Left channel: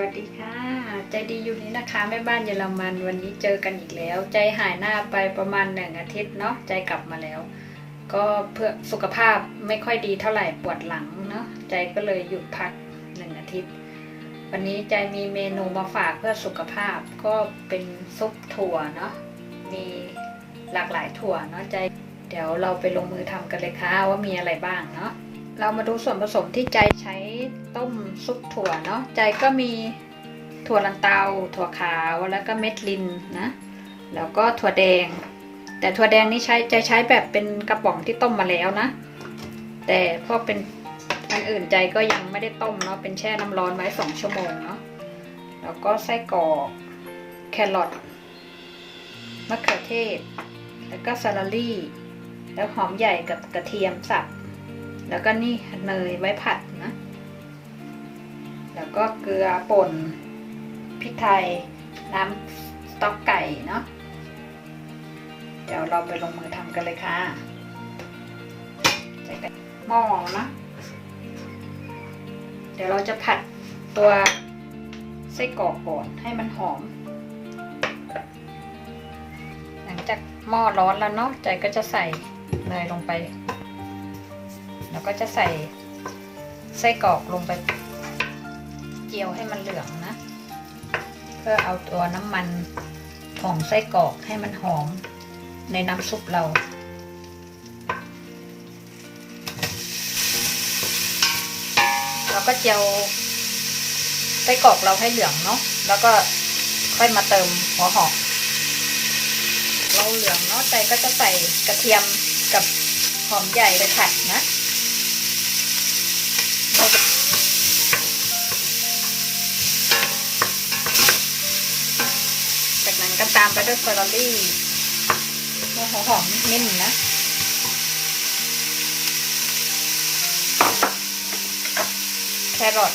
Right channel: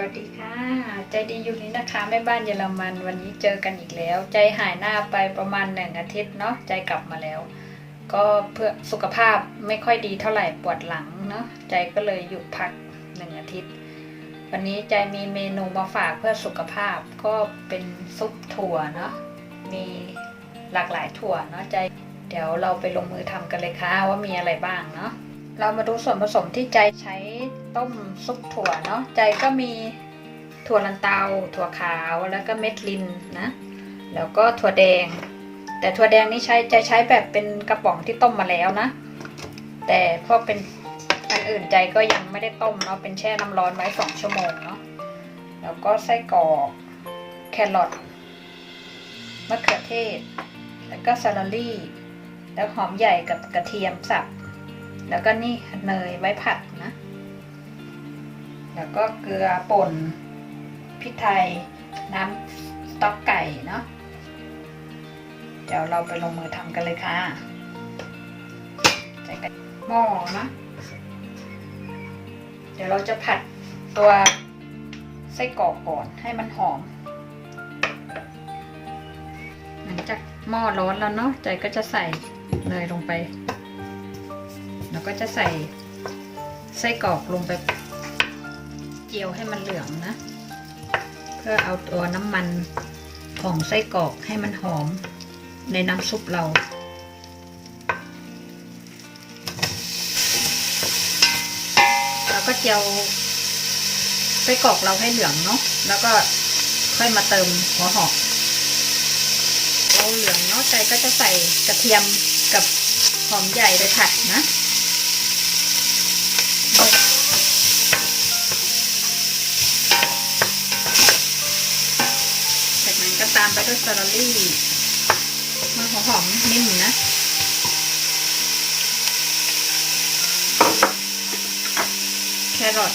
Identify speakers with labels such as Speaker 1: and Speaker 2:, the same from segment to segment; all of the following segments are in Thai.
Speaker 1: วัสดีค่ะ ใจดีอยู่นี้นะคะแม่บ้านเยอรมันวันนี้เจอกันอีกแล้ว ใจหายหน้าไปประมาณหนึ่งอาทิตย์เนาะใจกลับมาแล้ว ก็เพื่อสุขภาพไม่ค่อยดีเท่าไหร่ปวดหลังเนาะใจก็เลยหยุดพักหนึ่งอาทิตย์ วันนี้ใจมีเมนูมาฝากเพื่อสุขภาพก็เป็นซุปถั่วเนาะมีหลากหลายถั่วเนาะใจ เดี๋ยวเราไปลงมือทำกันเลยค่ะว่ามีอะไรบ้างเนาะเรามาดูส่วนผสมที่ใจใช้ ต้มซุปถั่วเนาะใจก็มีถั่วลันเตา ถั่วขาวแล้วก็เม็ดลินนะ แล้วก็ถั่วแดง แต่ถั่วแดงนี่ใช้จะใช้แบบเป็นกระป๋องที่ต้มมาแล้วนะ แต่พวกเป็นอันอื่นใจก็ยังไม่ได้ต้มเนาะเป็นแช่น้ำร้อนไว้สองชั่วโมงเนาะแล้วก็ไส้กรอกแครอทมะเขือเทศ แล้วก็ซาลารี่ แล้วหอมใหญ่กับกระเทียมสับ แล้วก็นี่เนยไว้ผัดนะ แล้วก็เกลือป่นพริกไทย น้ำสต๊อกไก่เนาะเดี๋ยวเราไปลงมือทำกันเลยค่ะใส่ไปหม้อนะ เดี๋ยวเราจะผัดตัวไส้กรอกก่อนให้มันหอม หลังจากหม้อร้อนแล้วเนาะใจก็จะใส่เนยลงไป แล้วก็จะใส่ไส้กรอกลงไป จียวให้มันเหลืองนะ เพื่อเอาตัวน้ำมันของไส้กรอกให้มันหอมในน้ำซุปเราเราก็เจียวไส้กรอกเราให้เหลืองเนาะแล้วก็ค่อยมาเติมหัวหอมเราเหลืองเนาะใจก็จะใส่กระเทียมกับหอมใหญ่ไปผัดนะก็ตามไปด้วยสตรอเบอรี่มาหัวหอมนิดหนึ่งนะแครอท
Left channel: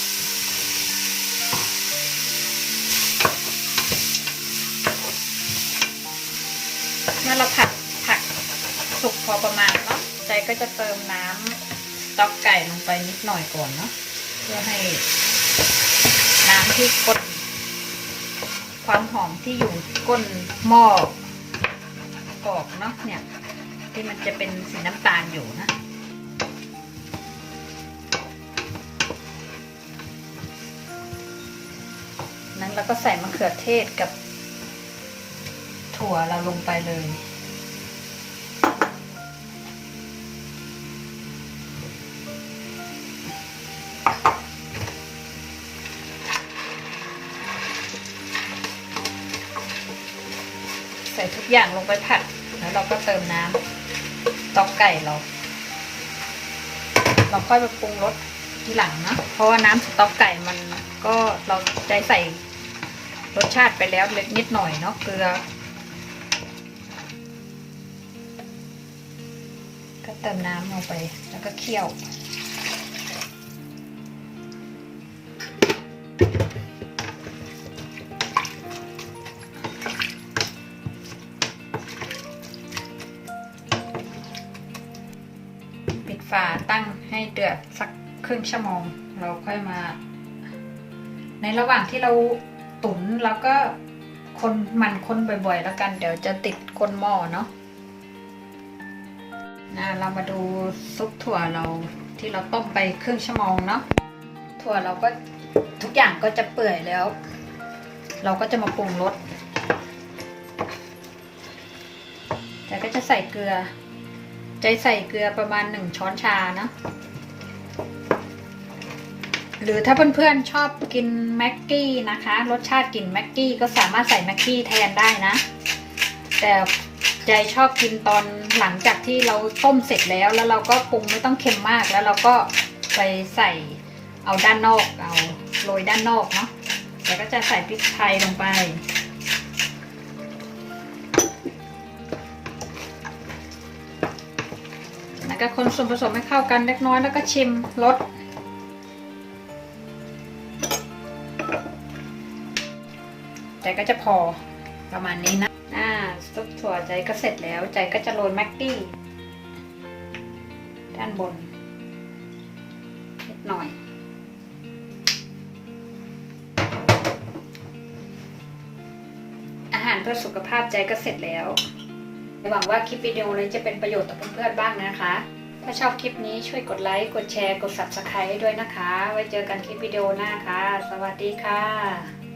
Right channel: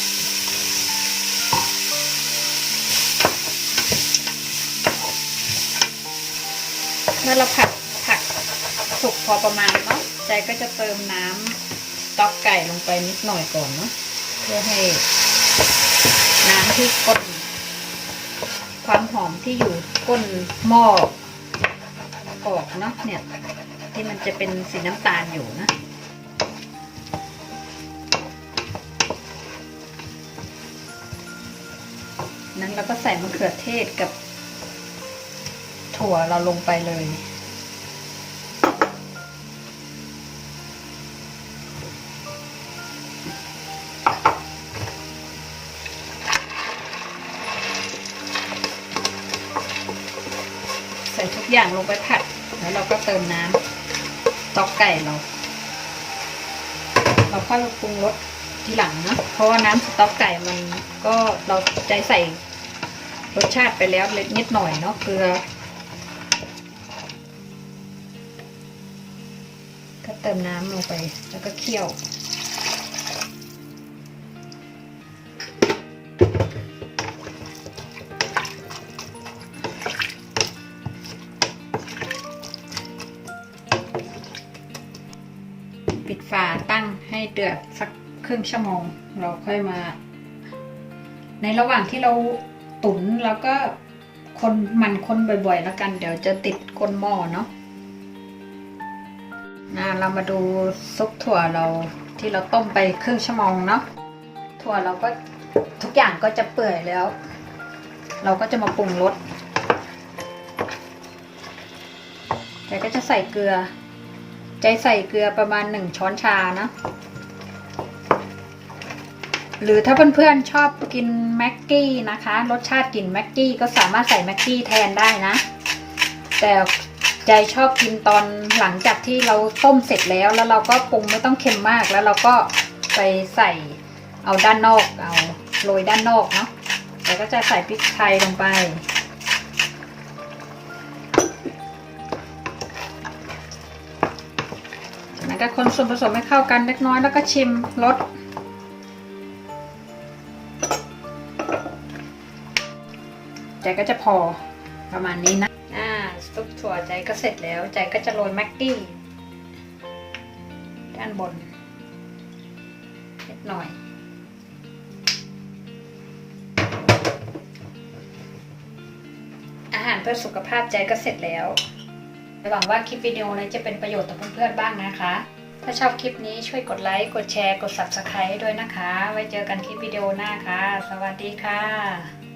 Speaker 1: เมื่อเราผัดผัดสุกพอประมาณเนาะใจก็จะเติมน้ำต๊อกไก่ลงไปนิดหน่อยก่อนเนาะเพื่อให้น้ำที่ก้น ความหอมที่อยู่ก้นหม้อกอกเนาะเนี่ย ที่มันจะเป็นสีน้ำตาลอยู่นะนั้นเราก็ใส่มะเขือเทศกับถั่วเราลงไปเลย ส่ทุกอย่างลงไปผัด แล้วเราก็เติมน้ำต๊อกไก่เรา เราค่อยมาปรุงรสทีหลังนะ เพราะว่าน้ำสต๊อกไก่มันก็เราใจใส่รสชาติไปแล้วเล็กนิดหน่อยเนาะเกลือ ก็เติมน้ำลงไปแล้วก็เคี่ยว เดือดสักครึ่งชั่วโมง เราค่อยมา ในระหว่างที่เราตุ๋นแล้วก็คนมันคนบ่อยๆ แล้วกัน เดี๋ยวจะติดก้นหม้อเนาะนะเรามาดูซุปถั่วเราที่เราต้มไปครึ่งชั่วโมงเนาะถั่วเราก็ทุกอย่างก็จะเปื่อยแล้ว เราก็จะมาปรุงรสแต่ก็จะใส่เกลือ ใจใส่เกลือประมาณหนึ่งช้อนชาเนาะหรือถ้าเพื่อนๆชอบกินแม็กกี้นะคะ รสชาติกลิ่นแม็กกี้ก็สามารถใส่แม็กกี้แทนได้นะ แต่ใจชอบกินตอนหลังจากที่เราต้มเสร็จแล้ว แล้วเราก็ปรุงไม่ต้องเค็มมากแล้วเราก็ไปใส่เอาด้านนอกเอาโรยด้านนอกเนาะแล้วก็จะใส่พริกไทยลงไป แต่คนส่วนผสมให้เข้ากันเล็กน้อยแล้วก็ชิมรสใจก็จะพอประมาณนี้นะอ่าซุปถั่วใจก็เสร็จแล้ว ใจก็จะโรยแม็กกี้ ด้านบนนิดหน่อย อาหารเพื่อสุขภาพใจก็เสร็จแล้ว หวังว่าคลิปวิดีโอนี้จะเป็นประโยชน์ต่อเพื่อนๆบ้างนะคะ ถ้าชอบคลิปนี้ช่วยกดไลค์ กดแชร์ กด Subscribe ด้วยนะคะ ไว้เจอกันคลิปวิดีโอหน้าค่ะ สวัสดีค่ะ